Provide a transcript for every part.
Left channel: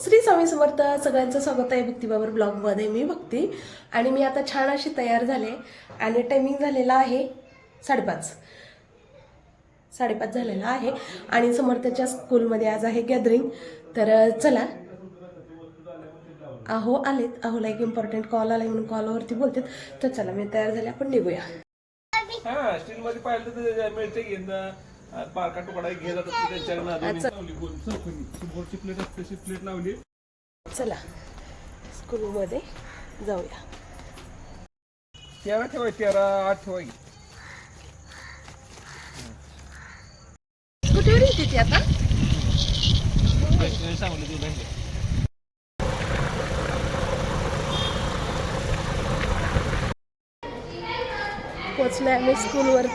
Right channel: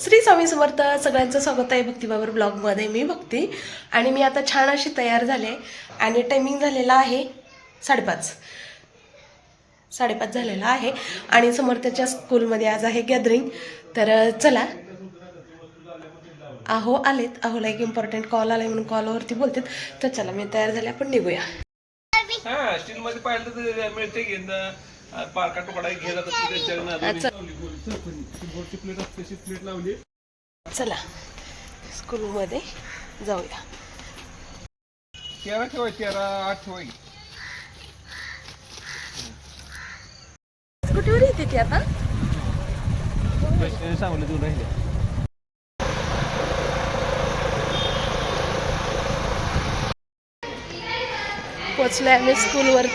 श्री स्वामी समर्थ. सगळ्यांचं स्वागत आहे भक्तिबाबर ब्लॉगमध्ये. मी भक्ती आणि मी आता छान अशी तयार झाले आणि टायमिंग झालेला आहे 5:30 झालेला आहे आणि समर्थच्या स्कूलमध्ये आज आहे गॅदरिंग. तर चला, अहो आलेत, अहोला एक इम्पॉर्टंट कॉल आलाय म्हणून कॉलवरती बोलतात. तर चला, मी तयार झाले, आपण निघूया. स्टील मध्ये पाहिलं तर मिळते घेऊन पारका तुकडा घ्यायला प्लेट लावली. चला स्कूलमध्ये जाऊया. तेरा ठेवाय 13 8 ठेवाय. कुठे येते ती आता? सांगलं तुला पोचलोय आम्ही स्कूलवर.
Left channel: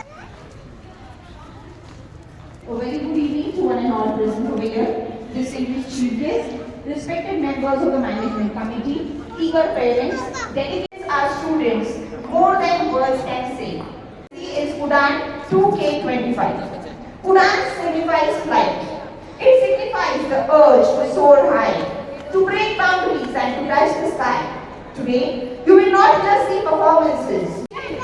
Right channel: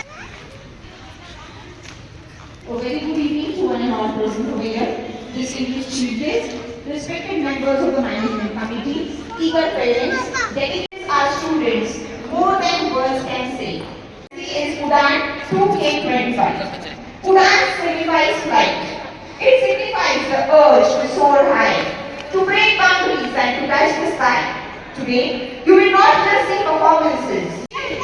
A very good evening to one and all present over here. Distinguished chief guests, respected members of the management committee, eager parents, delegates are students, more than words can say. This is Udan 2K25. Udan signifies flight. It signifies the urge to soar high, to break boundaries and to touch the sky. Today, you will not just see performances and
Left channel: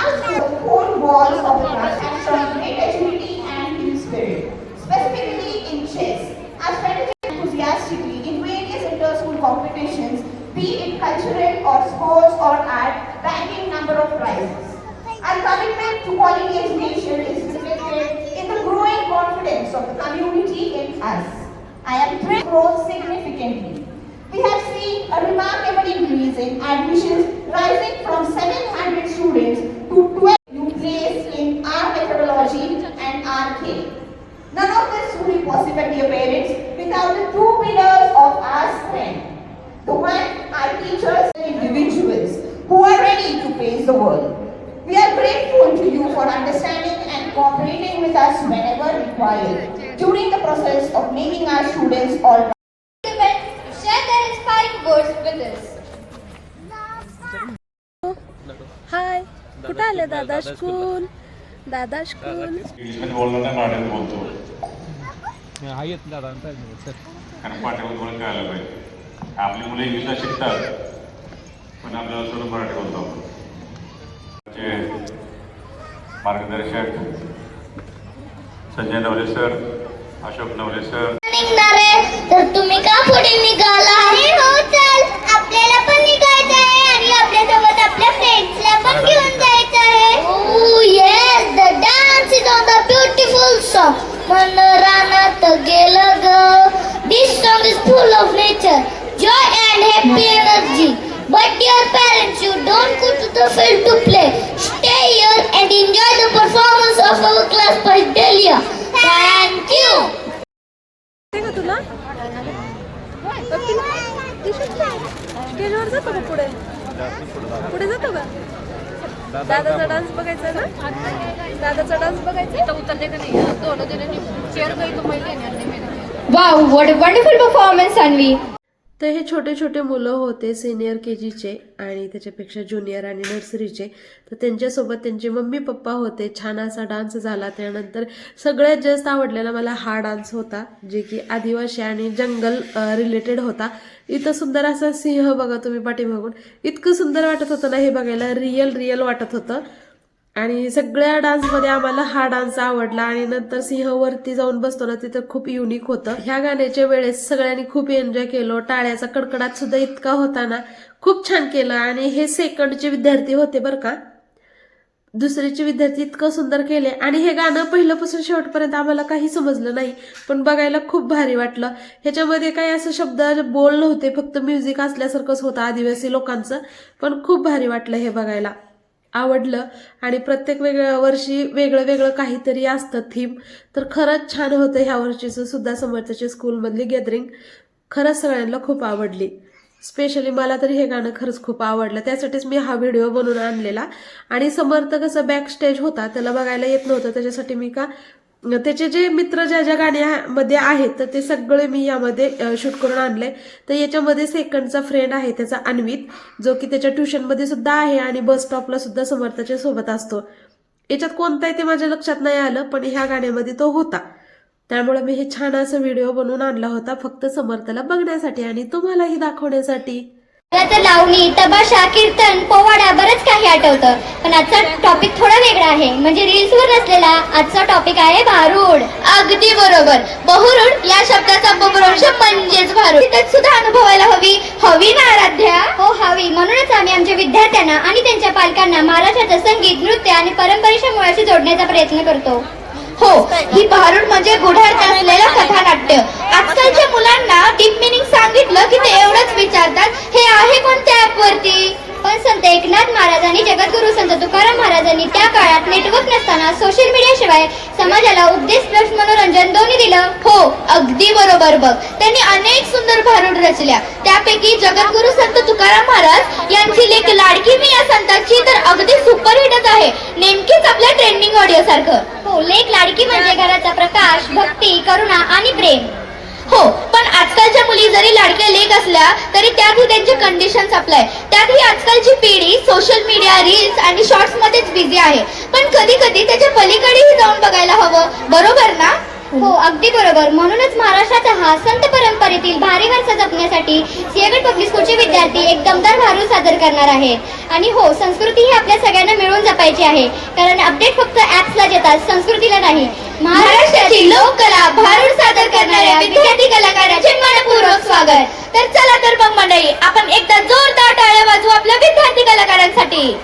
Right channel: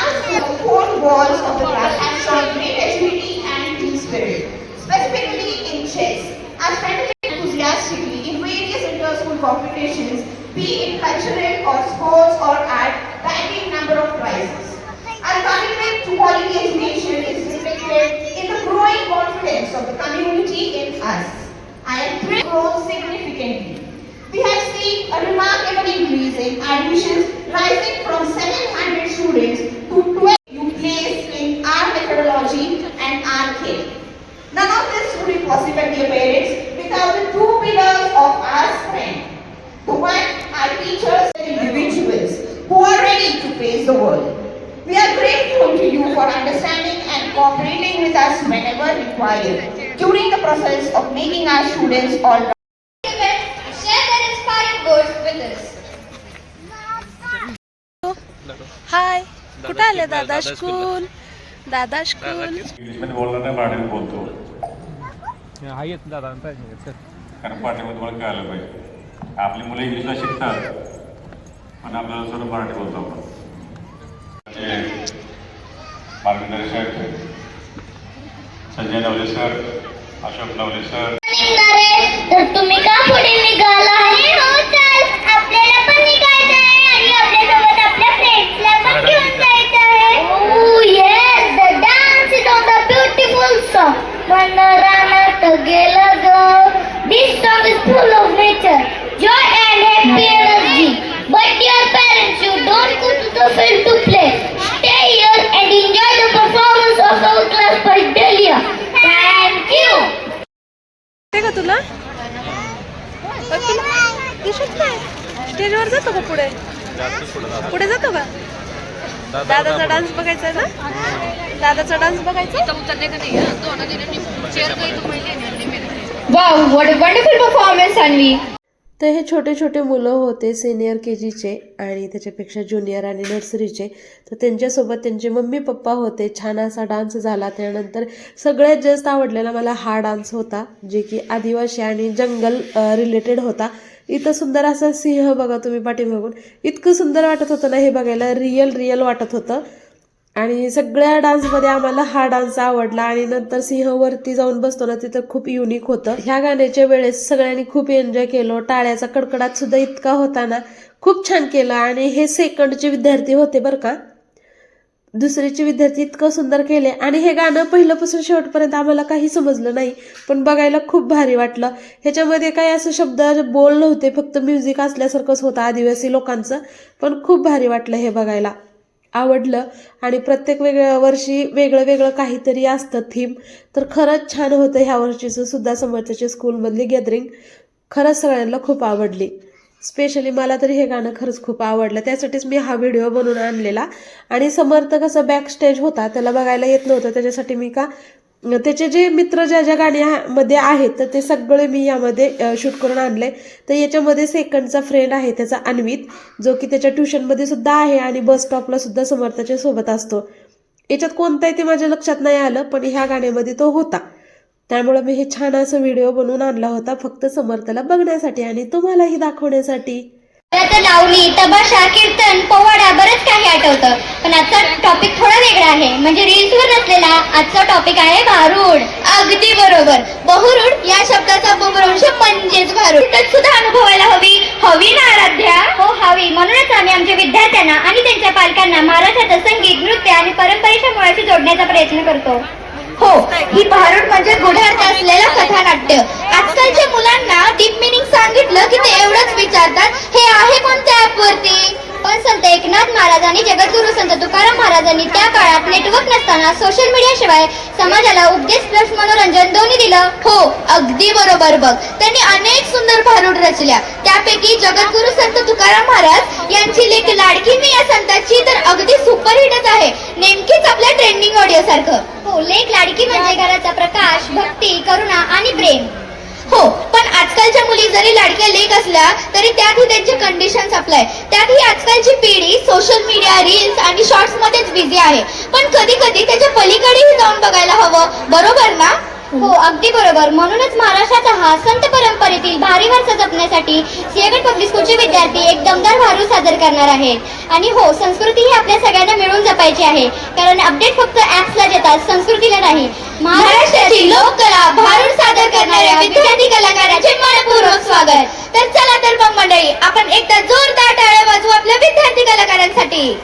ask the four walls of the class and show great agility and team spirit, specifically in chess, as strategic enthusiastically in various inter-school competitions, be it cultural or sports or at varying number of prizes. Our commitment to quality education is reflected in the growing confidence of the community in us. I am thrilled to grow significantly. We have seen a remarkable increase in admissions rising from 700 students to 12 you place in our methodology and our care. None of this would be possible, dear parents, without the two pillars of our strength. The one, our teachers and individuals who are ready to face the world. We are grateful to you for understanding and cooperating with us whenever required during the process of making our students all. Share their inspiring words with us. हाय, कुठे आले दादा school? दादा school इंग्लिशमध्ये बोलताना मराठीत बोलतो आहेत दादा कारण पाठीवर तुम्हाला कळायला पाहिजे. आपली मुलं इंग्लिशला शिकतात पण आपल्याला सुद्धा मराठी बोलतो आपण. मार्गदर्शक संजय नवले सर, अशोक नवले सर. तर तुम्ही का पुढे निघाला आहे? हो चल, आपल्याला पण निघायचं आहे आणि आपल्यासोबत आपल्या फ्रेंड्सला पण घेऊन जायचं आहे. Oh yes, the dance is on the beautiful song. मन रानात गेलं ग. This song is full of nature, joy and happy energy. But dear parents, you don't go to the field to play. Stay here and enjoy the performance of our class by Delia. Thank you. ते का तुला दिसत नाही? स्टेजवर जातो का पुढे? पुढे जातो का? दादाचा डान्स बघायचा ना? दादाचा डान्स बघायचा. Wow, what a wonderful performance, Anvi. तर हे छोटे छोटे मुलं होते सिनियर KGचे आणि त्याच्यापेक्षा ज्युनियर आणि नर्सरीचे. तर त्यांच्यासोबत त्यांचे मम्मी पप्पा होते. छान असा डान्स झाला. त्यानंतर सगळ्यात जास्त आवडलेला मला हा डान्स होता, जे की आदिवासी आणि जंगल रिलेटेड होता. इथं सुंदर असा सिंह बघा तुम्ही पाठीमागून, इतकं सुंदर वाटत होतं ना हे बघायला. रिअल वाटत होतं आणि सगळ्या डान्समध्ये आम्हाला हा डान्स आवडला. आणि नंतर सिंहवरती जाऊन बसतो ना, तिथं खूप युनिक होतं. ह्या गाण्याच्या वेळेस सगळ्यांनी खूप एन्जॉय केलं. टाळ्याचा कडकडाट सुद्धा इतका होता ना, खूप छान केलं. आणि हे सेकंडचे विद्यार्थी होते बरं का, दुसरीचे विद्यार्थी इतकं सुंदर केले. आणि हे गाणं पहिल्यापासून शेवटपर्यंत आम्हाला काही समजलं नाही, पण बघायला खूप भारी वाटलं. ह्याच्यामध्ये काही असं शब्द बोल नव्हते, फक्त म्युझिक असल्यासारखंच होतं आदिवासी लोकांचं, पण खूप भारी वाटलं हे बघायला, आवडलं. आणि प्रत्येक वर्षी वेगळं काहीतरी असतं थीम. तर खरंच छान होतं ह्या वर्षीचं सुद्धा समर्थच्या स्कूलमधली गॅदरिंग. खरंच सगळ्यांना खूप आवडली. स्पेशली मला तरी हे गाणं खरंच खूप आवडलं. त्यासाठीच मी हा व्हिडिओ बनवून आणलेला. आणि समर्थ कसं बॅक स्टेज होता, त्याला बघायला येत नव्हतं, त्याच्यासाठी मी त्याचे जे मित्र ज्या गाण्यामध्ये आहेत तर ते सगळे मी यामध्ये शूट करून आणले. तर याच्यामध्ये सेकंडचा फ्रेंड आहे त्याचा अन्वित, जो की त्याच्या ट्युशनमध्ये सुद्धा आहे आणि बस स्टॉपला सुद्धा समर्थच्या सोबत असतो. याच्यात कोणता आहे ते माझ्या लक्षात नाही आलं, पण ह्या गाण्यामध्ये तो होता. त्यामुळे मी हे छान असं व्हिडिओ बनवून आणला होता फक्त समर्थला बघण्यासाठी आणि तुम्हालाही दाखवण्यासाठी. आता लावणी, तमाशा, कीर्तन, पोवाडा बरंच काही आठवतं. पण आजचा टॉपिक थोडा वेगळा आहे. म्हणजे रील्सवर नसलेला आजचा टॉपिक आहे भारूड. अगदी बरोबर. बहुरूड या शब्दाचा अपभ्रंश म्हणजेच भारूड. तिथं सुद्धा अनुभवायला हवी ना आराध्या? हो हवी. म्हणूनच आम्ही आमच्या विद्यार्थ्यांना आणि त्यांच्या पालकांना महाराष्ट्राचं संगीत, नृत्य आणि परंपरेच्या मुळाशी जोडण्याचा प्रयत्न करतो. हो, ही भारूड म्हणजे गुढार्थ असलेलं कथानाट्य. आजकालच्या मुलांना डीप मिनिंग सांगितलं की ते एवढंच विचारतात, हे आहे कोणत्या ऍप वरती? पण संत एकनाथ महाराज आणि जगद्गुरु संत तुकाराम महाराजांनी त्या काळात नेटवर्क नसताना सोशल मीडिया शिवाय समाजाला उपदेश प्लस मनोरंजन दोन्ही दिलं. हो अगदी बरोबर बघ. त्यांनी अनेक सुंदर भारूड रचल्या. त्यापैकी जगद्गुरु संत तुकाराम महाराज यांची लेख लाडकी मी या संतांची तर अगदी सुपरहिटच आहे. नेमकीच आपल्या ट्रेंडिंग ऑडिओ सारखं. हो, लेख लाडकी म्हणजे घराचा प्रकाश, भक्ती, करुणा आणि प्रेम. हो, पण आजकालच्या मुली जरी लाडक्या लेख असल्या तरी त्यातही त्यांचे कंडिशन्स अप्लाय. त्यातही आजकालची पिढी सोशल मीडिया, रील्स आणि शॉर्ट्स मध्येच बिझी आहे. पण कधी कधी त्याच्या पलीकडेही जाऊन बघायला हवं. बरोबर ना? हो अगदी बरोबर. म्हणूनच महाराष्ट्राचा हा संत परंपरेतील भारी वारसा जपण्यासाठी सिंहगड पब्लिक स्कूलचे विद्यार्थी एक दमदार भारूड सादर करणार आहेत. आणि हो, संस्कृती ही आपल्या सगळ्यांना मिळून जपायची आहे. कारण अपडेट फक्त ऍप्सला येतात, संस्कृतीला नाही. महाराष्ट्राची लोककला भारूड सादर करणाऱ्या विद्यार्थी कलाकारांचे मनपूर्वक स्वागत. तर चला तर मग मंडळी, आपण एकदा जोरदार टाळ्या वाजवू आपल्या विद्यार्थी कलाकारांसाठी.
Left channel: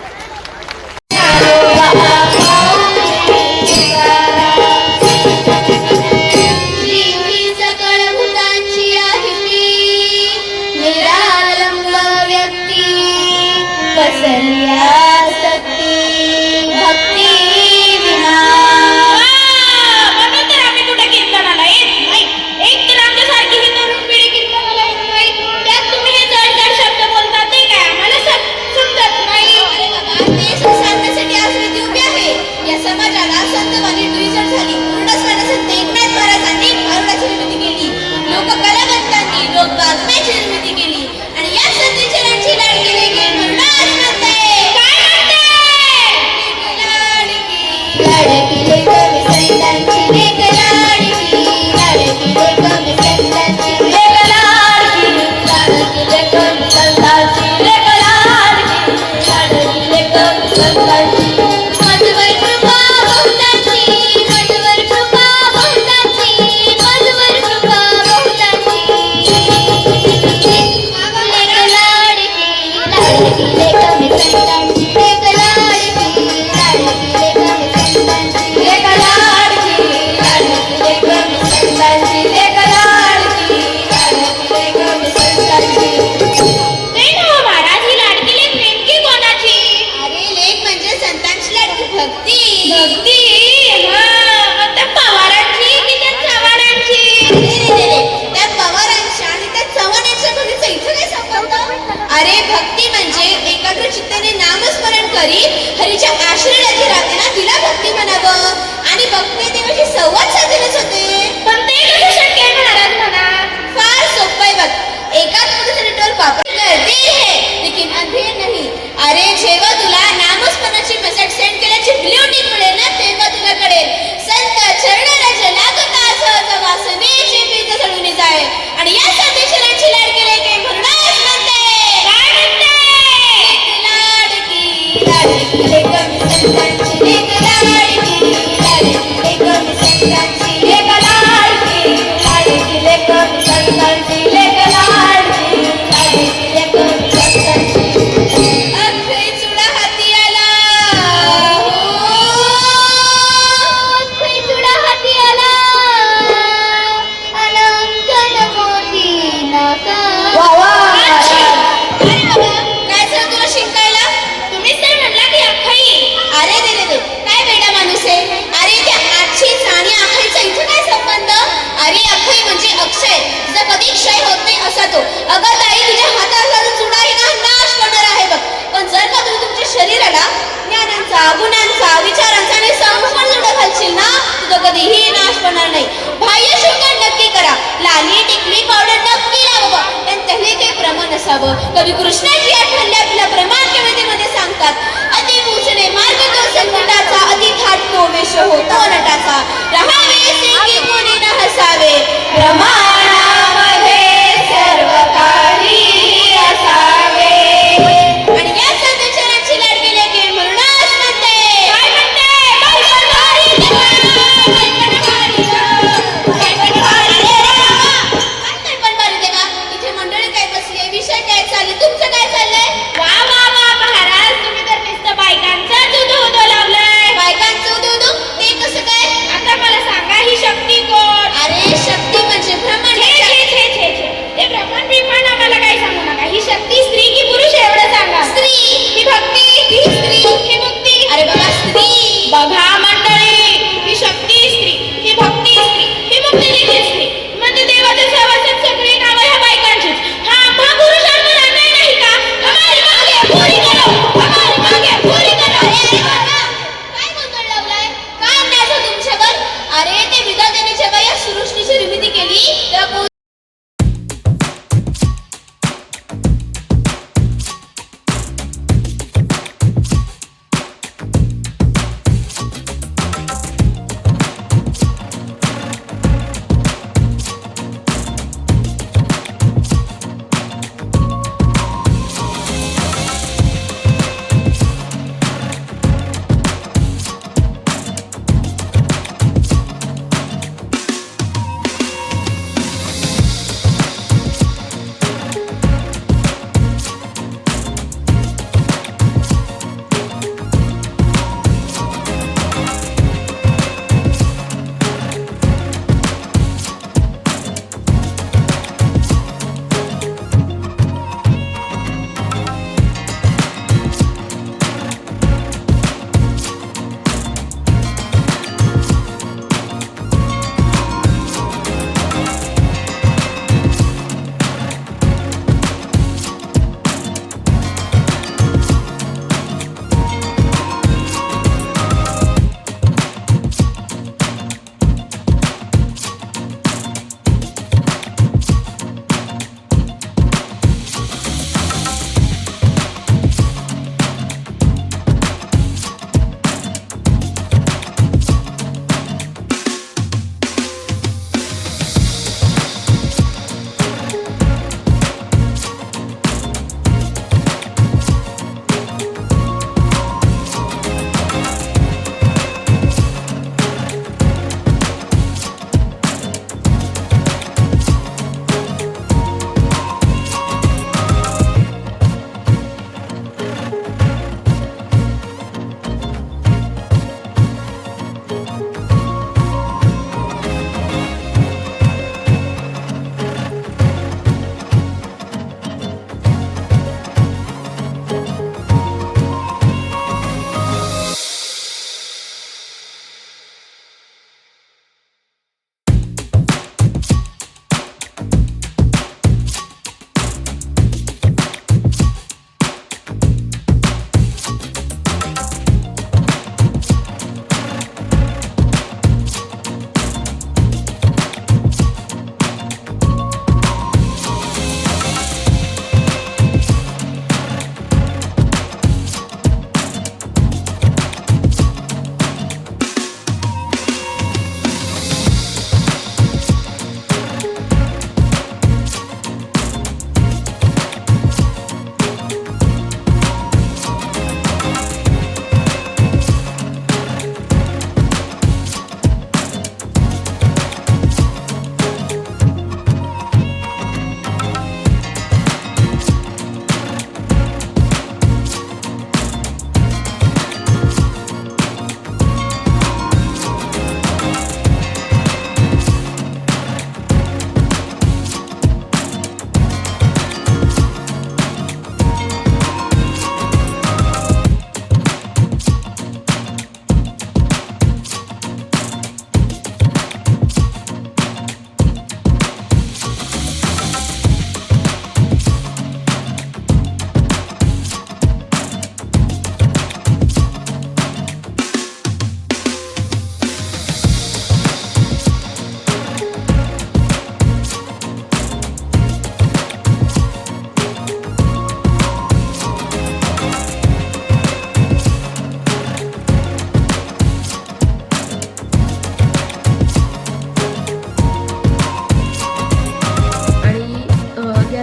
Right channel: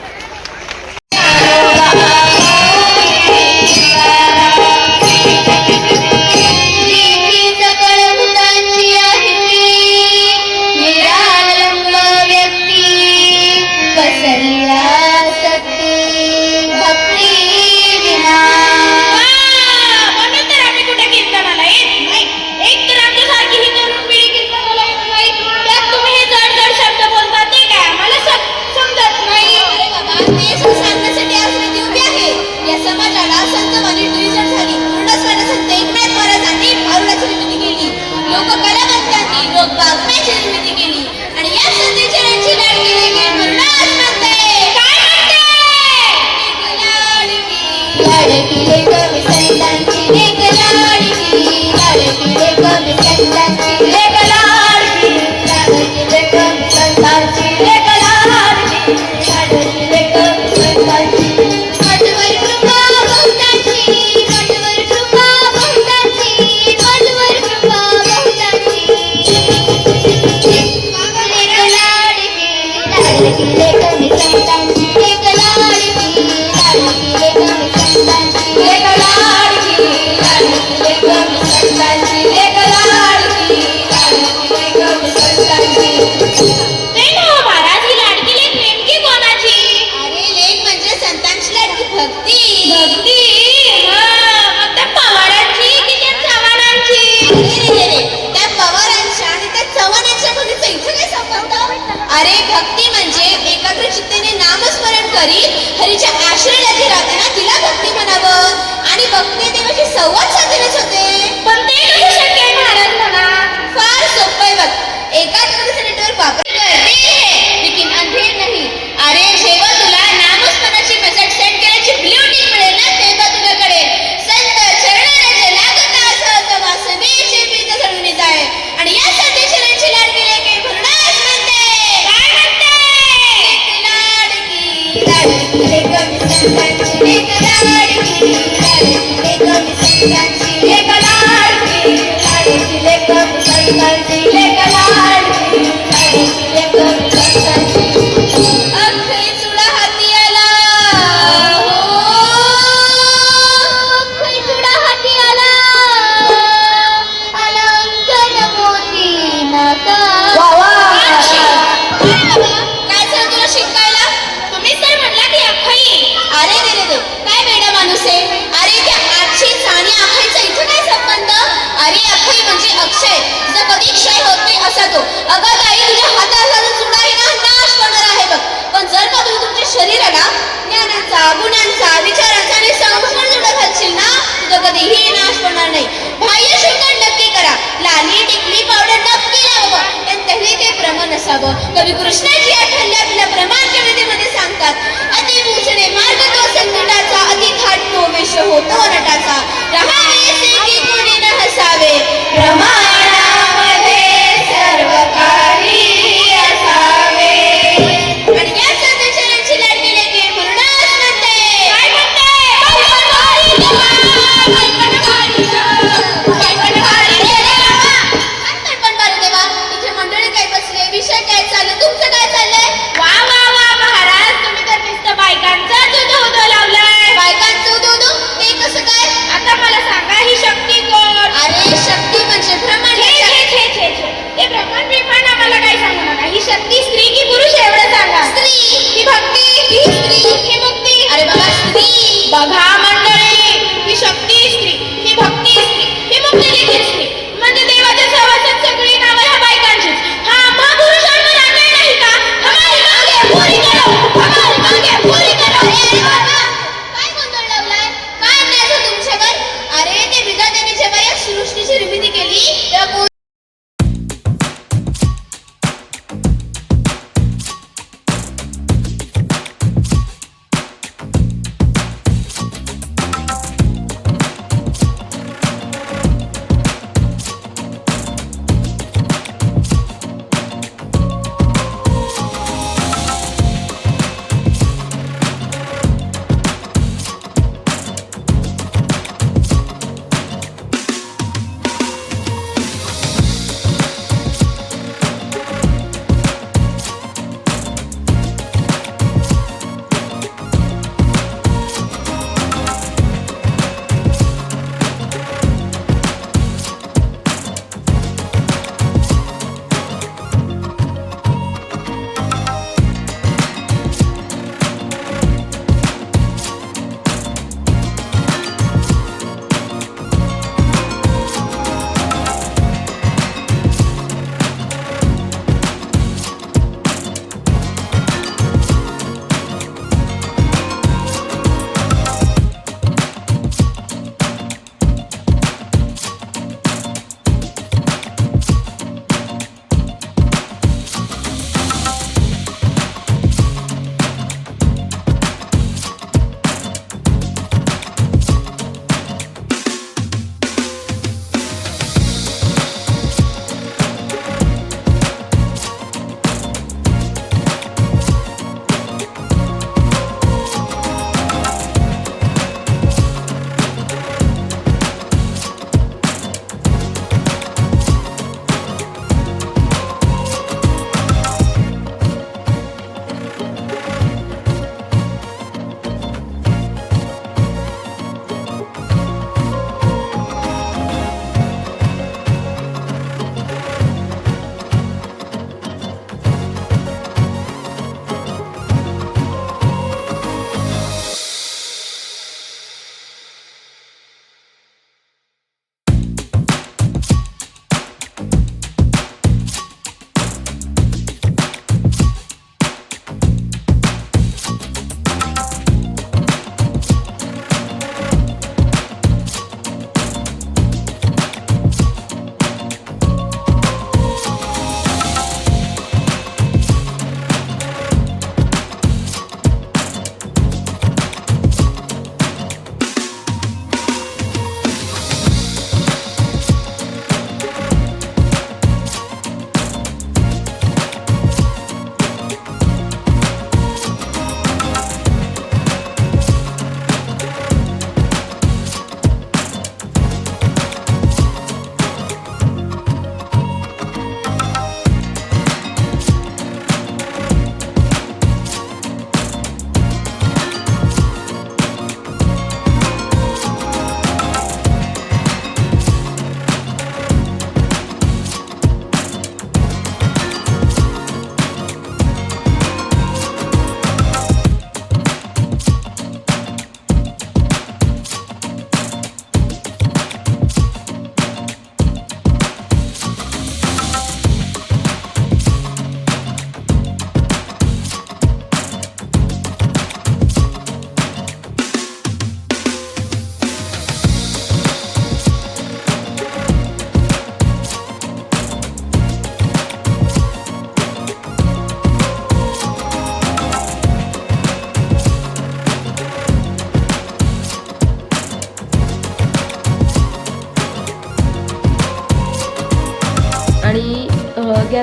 अरे भक्ती म्हणजे एकाग्र चित्तेने नामस्मरण करी हरीच्या आश्रयात जी राहते ना तिला भक्ती म्हणावं. आणि भक्ती देवाशी संवाद साधलेच होते. पण ते कसं शक्य आहे महाराज म्हणा? फार सोपं आहे बघ. एकाच मुलीचं नेटवर्क वापरलं लेकिन अंधेर नाही. अरे जेव्हा तुला नामस्मरणाची मेसेज सेंड करायची ब्ल्यू टिक मिळेल ना तेव्हा तुला कळेल संत चरणाराचे लागता असं वासनेचे पीत चढून जाय. आणि या संदेशाची लाडकी लेके म्हणूनच म्हणते काय म्हणते लाडकी लेक संतांची लेक लाडकी लेक संतांची लेक लाडकी लेक संतांची लेक लाडकी लेक संतांची. अख्खे चुडा हाती आला, अख्खे चुडा हाती आला, अलंकन मोती नाका. काय झालं तुला शिकायला? तुम्हीच तर म्हणला की अख्खई. अरे दे काय वेडा माणूस आहे. अरे त्या आजचीच आणि अख्खईचा इथं काय संबंध? अरे अख्खई म्हणजे अक्षय, जर कधी क्षय होत नाही असा तो. अगं ताई, तुझ्या हाताला चुडा आहे ना नाश करणार आहे बघ. पण जर का तुम्ही तुमच्या शरीराला ज्ञानांचा, गुणांचा, विचारांचा आणि संभ्रमण जोडा घालशील ना तुझं कधीही नाश करणार नाही. बाह्य शुद्ध नक्की करा, लाली टिकली पावडर नक्की लावावं, पण त्याने ते प्रमाण असावं. कवी कृष्णाची आठवण आपल्या प्रमाण कवितेमध्ये सांगतात, अति पूजने मार्ग तो संकटाचा, अति खाट तो वेश होतो नटाचा रहावे सेठी कोणी न हसावे प्रमाणामध्ये सर्व काही असावे आणि या संदेशांची लाट गेले की म्हणूनच म्हणते काय म्हणते इथे मंडळी काय बसले विषय काय चालू तुमचं काय चाललंय वा वा वा महाराज तुम्ही तर नुसतं बायकांचा दूध लावलाय बायकांचं दूध ते कसं काय आता मला सांगा ही शक्ती कोण अरे शक्ती म्हणजे ब्रह्मा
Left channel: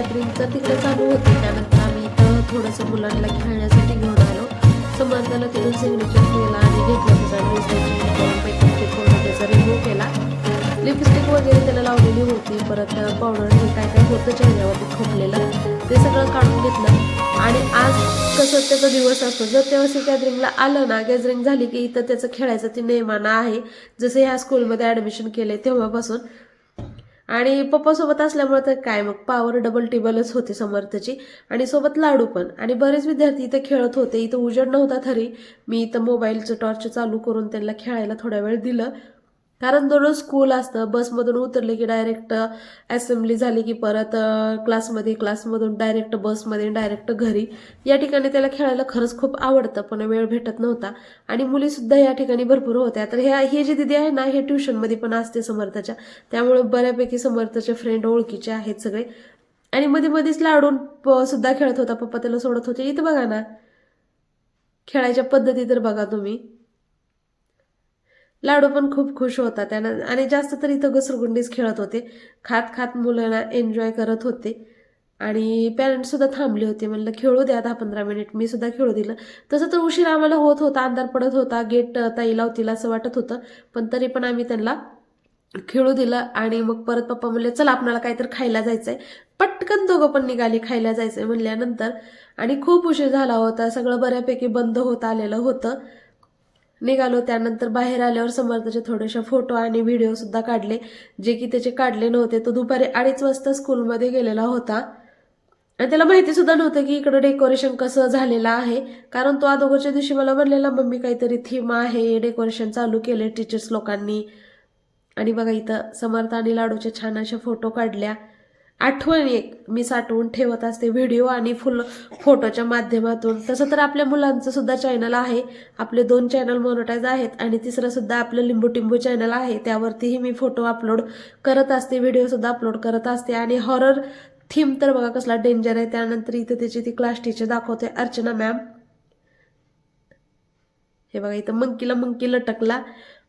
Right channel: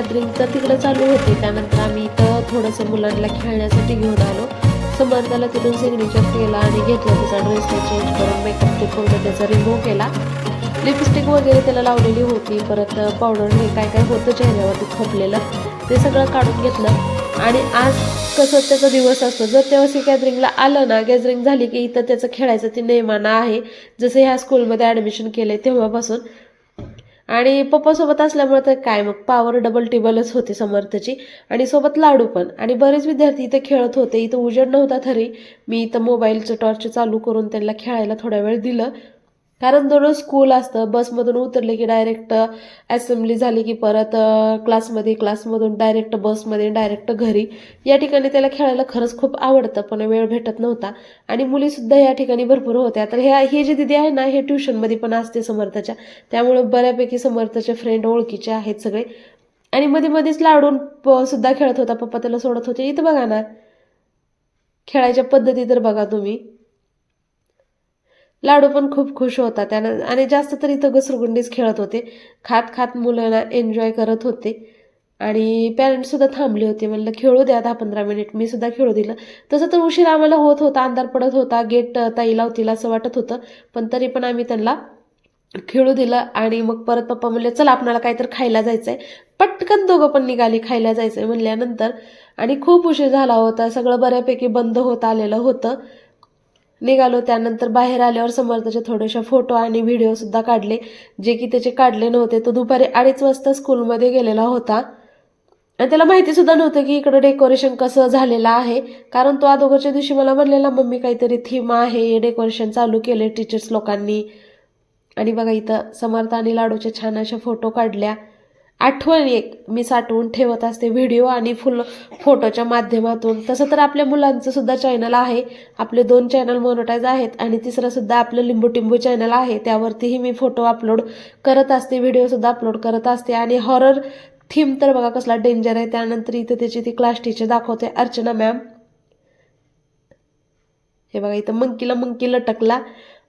गॅदरिंग तर तिकडे चालू होते. त्यानंतर आम्ही इथं थोडंसं मुलांना खेळण्यासाठी घेऊन आलो. समर्थाला तिथून सिग्नेचर केला आणि घेतला त्याचा ड्रेस चेंज करून मेकअप ते पूर्ण त्याचा रिमूव्ह केला. लिपस्टिक वगैरे त्याला लावलेली होती, परत पावडर हे काय काय होतं चेहऱ्यावरती खोपलेलं ते सगळं काढून घेतलं. आणि आज कसं त्याचा दिवस असतो, जर तेव्हा गॅदरिंगला आलं ना, गॅदरिंग झाली की इथं त्याचं खेळायचं ते नेमानं आहे, जसं ह्या स्कूलमध्ये ॲडमिशन केलं आहे तेव्हापासून. आणि पप्पासोबत असल्यामुळे तर काय मग पावर डबल टिबलच होते समर्थची. आणि सोबत लाडू पण. आणि बरेच विद्यार्थी इथं खेळत होते. इथं उजेड नव्हता तरी मी इथं मोबाईलचं टॉर्च चालू करून त्यांना खेळायला थोडा वेळ दिलं, कारण दररोज स्कूल असतं. बसमधून उतरले की डायरेक्ट असेंब्ली झाली की परत क्लासमध्ये, क्लासमधून डायरेक्ट बसमध्ये, डायरेक्ट घरी. या ठिकाणी त्याला खेळायला खरंच खूप आवडतं, पण वेळ भेटत नव्हता. आणि मुलीसुद्धा या ठिकाणी भरपूर होत्या. तर हे जे दिदी आहे ना, हे ट्युशनमध्ये पण असते समर्थच्या, त्यामुळे बऱ्यापैकी समर्थचे फ्रेंड ओळखीचे आहेत सगळे. आणि मध्ये मध्येच लाडून सुद्धा खेळत होता, पप्पा त्याला सोडत होते. इथं बघा ना, खेळायच्या पद्धती तर बघा तुम्ही. लाडू पण खूप खुश होता त्यानं. आणि जास्त तर इथं घसरगुंडीच खेळत होते. खात खात मुलांना एन्जॉय करत होते. आणि पॅरेंट्ससुद्धा थांबले होते, म्हणलं खेळू द्या 10-15 मिनिट. मी सुद्धा खेळू दिलं. तसं तर उशीर आम्हाला होत होता, अंधार पडत होता, गेट ताई लावतील असं वाटत होतं, पण तरी पण आम्ही त्यांना खेळू दिलं. आणि मग परत पप्पा म्हणले चला आपल्याला काहीतरी खायला जायचं आहे. पटकन दोघं पण निघाली खायला जायचं आहे म्हणल्यानंतर. आणि खूप उशीर झाला होता, सगळं बऱ्यापैकी बंद होत आलेलं होतं. निघालो. त्यानंतर बाहेर आल्यावर समर्थचे थोडेसे फोटो आणि व्हिडिओसुद्धा काढले, जे की त्याचे काढले नव्हते. तो दुपारी 2:30 वाजता स्कूलमध्ये गेलेला होता आणि त्याला माहितीसुद्धा नव्हतं की इकडं डेकोरेशन कसं झालेलं आहे, कारण तो अगोदरच्या दिवशी मला म्हणलेला मम्मी काहीतरी थीम आहे, डेकोरेशन चालू केले टीचर्स लोकांनी. आणि बघा इथं समर्थ आणि लाडूचे छान अशा फोटो काढल्या. आठवण एक मी साठवून ठेवत असते व्हिडिओ आणि फोटोच्या माध्यमातून. तसं तर आपल्या मुलांचं सुद्धा चॅनल आहे, आपले 2 चॅनल मोनोटाईज आहेत. आणि तिसरं सुद्धा आपलं लिंबू टिंबू चॅनल आहे, त्यावरतीही मी फोटो अपलोड करत असते, व्हिडिओसुद्धा अपलोड करत असते. आणि हॉरर थीम तर बघा कसला डेंजर आहे. त्यानंतर इथं त्याची ती क्लास टीचर दाखवते, अर्चना मॅम. हे बघा इथं मंकी लटकला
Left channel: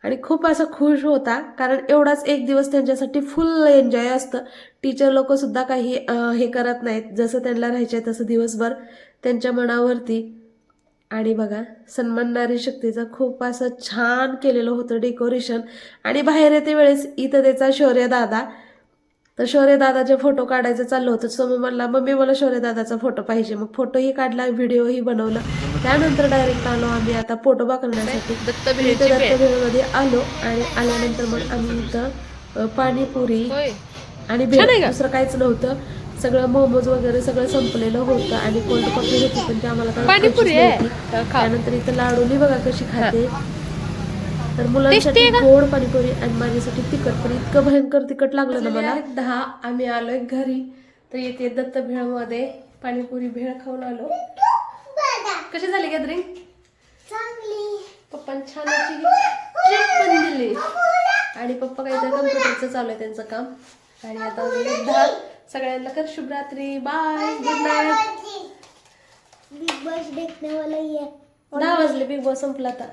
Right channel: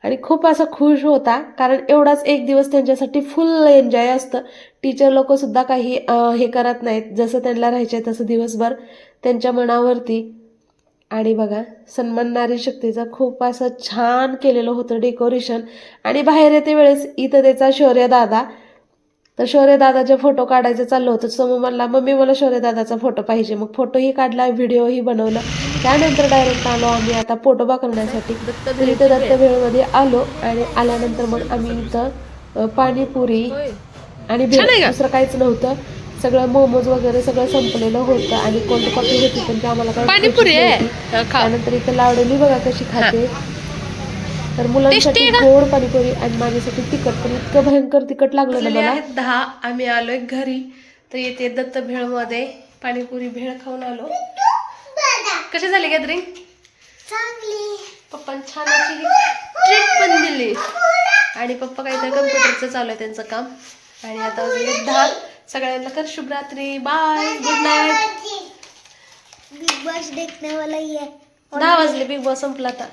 आणि खूप असा खुश होता, कारण एवढाच एक दिवस त्यांच्यासाठी फुल एन्जॉय असतं. टीचर लोकंसुद्धा काही हे करत नाहीत, जसं त्यांना राहायचं आहे तसं दिवसभर त्यांच्या मनावरती. आणि बघा सन्मान नारी शक्तीचं खूप असं छान केलेलं होतं डेकोरेशन. आणि बाहेर येते वेळेस इथं त्याचा शौर्य दादा, तर शौर्य दादाचे फोटो काढायचं चाललं होतं. समोर म्हणला मम्मी मला शौर्य दादाचा फोटो पाहिजे. मग फोटोही काढला, व्हिडिओही बनवला. त्यानंतर डायरेक्ट आलो आम्ही आता पोटोबा करण्यासाठी. इथं दत्तभेळमध्ये आलो आणि आल्यानंतर मग आम्ही इथं पाणीपुरी आणि भेळ, दुसरं काहीच नव्हतं. सगळं मोमोज वगैरे सगळं संपलेलं होतं आणि कोल्ड कॉफी होती, पण ते आम्हाला पाणीपुरी आहे. त्यानंतर इथं लाडूली बघा कशी खाते. तर मुलांसाठी गोड पाणीपुरी आणि माझ्यासाठी तिखट, पण इतकं भयंकर तिखट लागलं ना मला. 10 आम्ही आलोय घरी. तर येते दत्त भेळमध्ये पाणीपुरी भेळ खाऊन आलो. कशी झाली गॅदरिंग? चांगली. पप्पा छान अशी ट्रीट पण दिली. आणि पप्पा काहीतरी कम्प्युटरचं चालू आहे त्यांचं काम. आणि आता 10 सगळ्यांना कर शुभरात्री, bye, good night. Bigg Boss देखने वाला ही है. 10 वाजले, बिग बॉस संपला आता.